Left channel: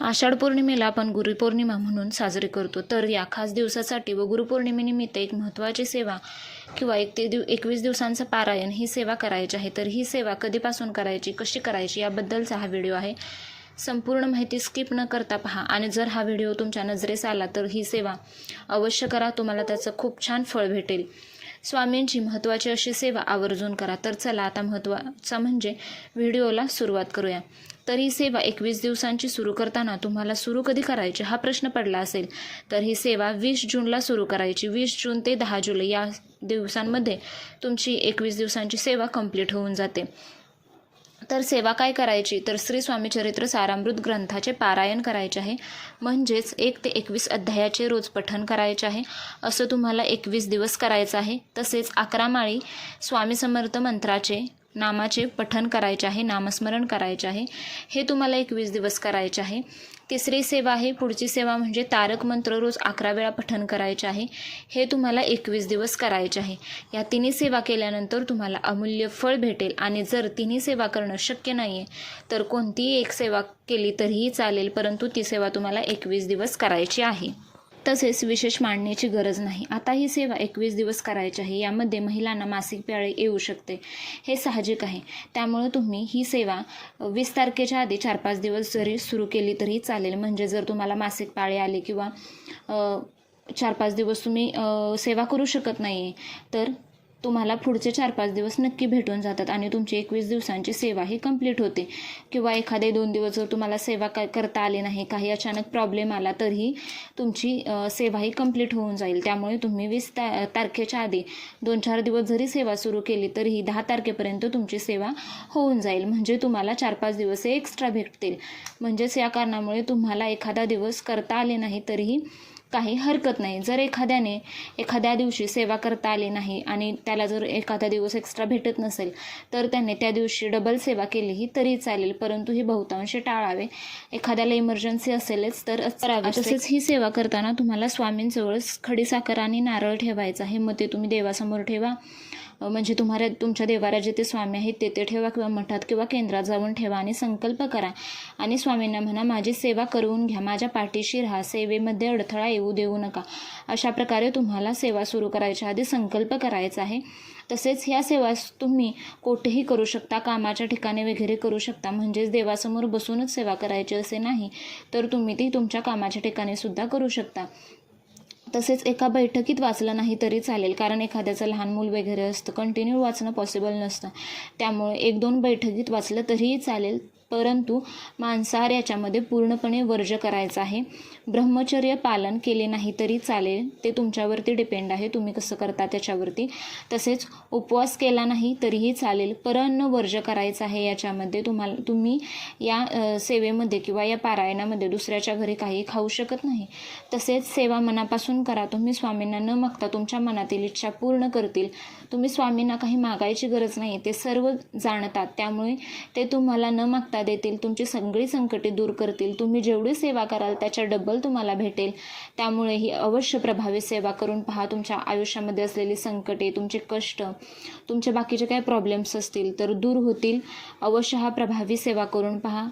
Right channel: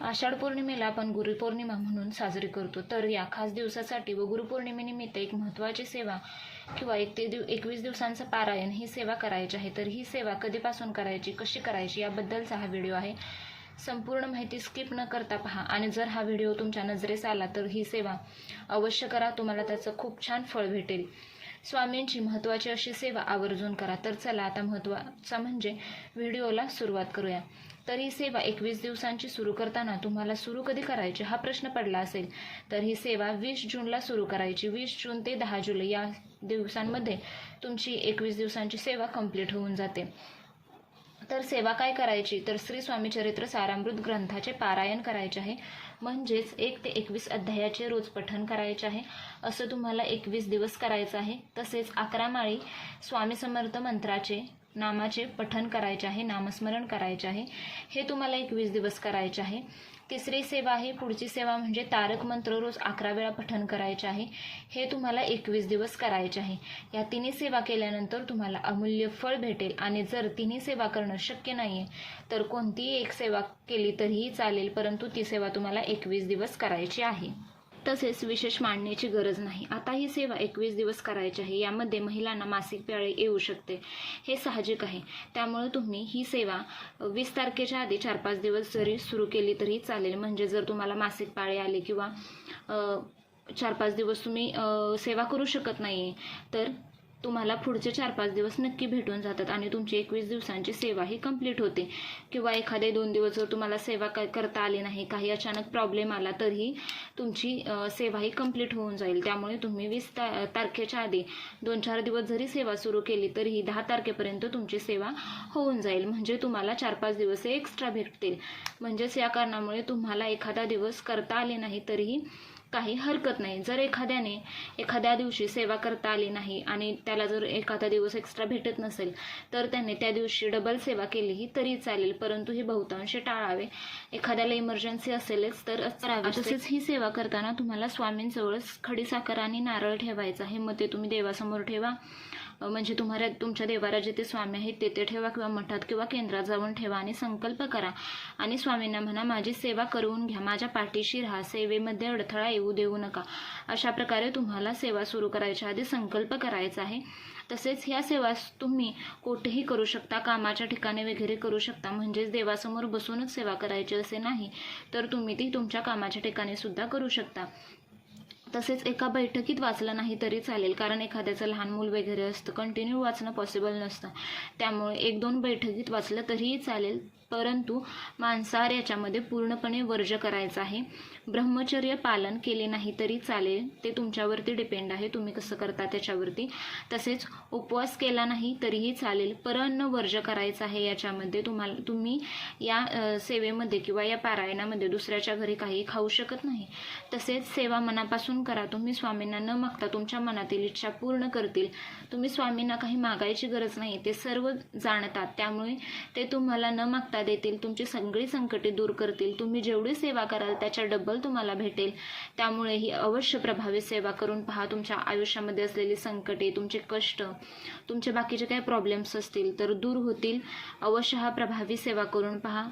आषाढ पौर्णिमेला आपण गुरुपौर्णिमा म्हणून साजरी करतो. तर या खास दिवसासाठी व गुरुपौर्णिमेनिमित्त एक महत्त्वाची सेवा किंवा एक ते दिव एकवीस दिवसांचं पारायण ही सेवा करायची आहे. तर ही सेवा कधीपासून करायची कशी करायची याबद्दलचा हा व्हिडिओ आहे. संपूर्ण माहिती स्किप न करता पहा. आणि जर हा व्हिडिओ तुमच्या नजरेस आला तर ही सेवा अवश्य करा. तुम्हाला त्याचं खूप छान फळ भेटेल. स्वामींची महत्त्वाची अशी सेवा आवर्जून करा. तर चला आता महत्त्वाचं म्हणजे व्हिडिओला सुरुवात करूया. तर ही सेवा एकवीस दिवसांची सुरू करताना तुम्हाला सुरू कधी करायची हा प्रश्न पडला असेल तर ही सेवा वीस जूनला सुरू करायची. वीस जून ते दहा जुलै या दिवसांमध्ये तुमची एकवीस दिवसांची सेवा कंप्लीट होऊन जाते. तर सेवा काय करायची? तर श्री स्वामी चरित्र सारामृत ग्रंथाचे पारायण करायचे आहे. म्हणजेच एक ते एकवीस अध्यायाचे रोज पठण करायचे आहे. असं तुम्हाला एकवीस दिवस करायचं आहे. तसेच अकरा माळी स्वामी समर्थ मंत्राचे नामाचे पठण करायचे आहे नामस्मरण करायचे आहे. हे तुम्हाला एकवीस दिवस करायचे आहे. तिसरी सेवा आहे पुढची सेवा म्हणजे तारक मंत्र रोज अकरा वेळा पठण करायचे आहे. हे तुम्हाला एकवीस दिवस करायचे आहे. या तिन्ही सेवा केल्यानंतर तुम्हाला अमूल्य फळ भेटेल आणि जर तिन्ही सेवा करणं शक्य नाही आहे तर कोणतीही एक सेवा केली तरीही चालेल परंतु ती सेवा तुम्हाला एकवीस दिवस करायची आहे. तसेच विशेष मांडण्याची गरज नाही. आता ही सेवा एकवीस दिवस करायची आहे. यामध्ये महिलांना मासिक पाळी येऊ शकते. हे साहजिक आहे. त्यामुळे तुम्ही ही सेवा वीस तारखेच्या आधी चार पाच दिवस जरी सुरू केली तरी चालेल. म्हणजे जर तुम्हाला मासिक पाळी आली किंवा चार पाच दिवस तुम्ही सेवा करू शकत नाही तर तुम्हाला पुढचे चार पाच दिवस नक्की भेटून जातात आणि तुमची एकवीस दिवसांची सेवा ही कंप्लीट होते. किंवा एखादे दोन दिवस जर तुम्हाला सेवा काय करता आली नाही काही अचानक प्रॉब्लेम आला तरीही तुमची सेवा ही कंप्लीट होऊन जाईल. त्यामुळे तुम्ही वीस ता तारखेच्या आधी दोन चार दिवस जरी सेवा सुरू केली तरीही दहा तारखेपर्यंत तुमची सेवा होऊन जाईल. म्हणजे तुम्हाला चार पाच दिवस हे एक्स्ट्रा भेटतील. म्हणजेच या कारणामुळे तुम्हाला एखादा दिवस करता आले नाही तरीही काही हरकत नाही. जर एखाद्याने एखाद्या दिवशी सेवा करता आली नाही आणि त्याला जर एखादा दिवस एक्स्ट्रा भेटत नसेल तर त्याने त्या दिवशी डबल सेवा केलीही तरी चालेल. परंतु ही बहुतांश टाळावे. एखाद्याला इमर्जन्सी असेलच तर करावे. तसेच ही सेवा करताना तुम्हाला स्वामींजवळच खडी साखर आणि नारळ ठेवायचा हे मते तुम्ही देवासमोर ठेवा. म्हणजे तुम्हाला तुमच्या देवाऱ्यात जिथे स्वामी आहेत तेथे ठेवा किंवा मठात किंवा केंद्रात जाऊन ठेवा आणि संकल्प करा. आणि स्वामींना म्हणा माझी सेवा करून घ्या. माझ्या पाठीशी राहा. सेवेमध्ये अडथळा येऊ देऊ नका. अशा प्रकारे तुम्हाला सेवा सुरू करायच्या आधी संकल्प करायचा आहे. तसेच ह्या सेवा तुम्ही कुठेही करू शकता कामाच्या ठिकाणी वगैरे करू शकता. म्हणजेच देवासमोर बसूनच सेवा करायची असे नाही तर तुम्ही ती तुमच्या कामाच्या ठिकाणी सुद्धा करू शकता. तसेच एका बैठकीत वाचलं नाही तरी चालेल कारण एखाद्याचं लहान मूल वगैरे असतं कंटिन्यू वाचणं पॉसिबल नसतं. त्यामुळे एक दोन बैठकीत वाचलं तरीही चालेल. परंतु मांसाहार याच्यामध्ये पूर्णपणे वर्ज करायचं आहे. ब्रह्मचर्य पालन केले नाही तरी चालेल. ते तुमच्यावरती डिपेंड आहे. तुम्ही कसं करता त्याच्यावरती. तसेच उपवास केला नाही तरीही चालेल. परन्न वर्ज करायचं आहे याच्यामध्ये तुम्हाला तुम्ही या सेवेमध्ये किंवा या पारायणामध्ये दुसऱ्याच्या घरी काही खाऊ शकत नाही. तसेच सेवा मनापासून करा. तुम्ही स्वामींना न मागता तुमच्या मनातील इच्छा पूर्ण करतील. तुम्ही स्वामींना काही मागायची गरज नाही. ते सर्व जाणतात. त्यामुळे ते तुम्हाला न मागता देतील तुमची सगळी संकटे दूर करतील तुम्ही जेवढी सेवा कराल त्याच्या डबल तुम्हाला भेटेल. त्यामुळे ही अवश्य प्रभावी सेवा करून पहा. तुमच्या आयुष्यामध्ये असलेली संकटे तुमचे कष्ट तुमचे बाकीचे काही प्रॉब्लेम्स असतील तर दूर होतील. अवश्य हा प्रभावी सेवा करून पहा.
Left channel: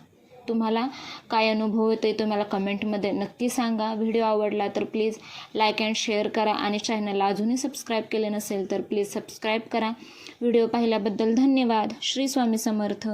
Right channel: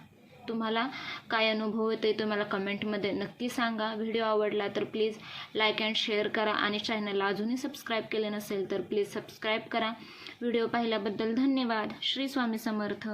तुम्हाला काय अनुभव येतो आहे तुम्हाला कमेंटमध्ये नक्की सांगा. व्हिडिओ आवडला तर प्लीज लाईक अँड शेअर करा आणि चॅनलला अजूनही सबस्क्राईब केले नसेल तर प्लीज सबस्क्राईब करा. व्हिडिओ पाहिल्याबद्दल धन्यवाद. श्री स्वामी समर्थ.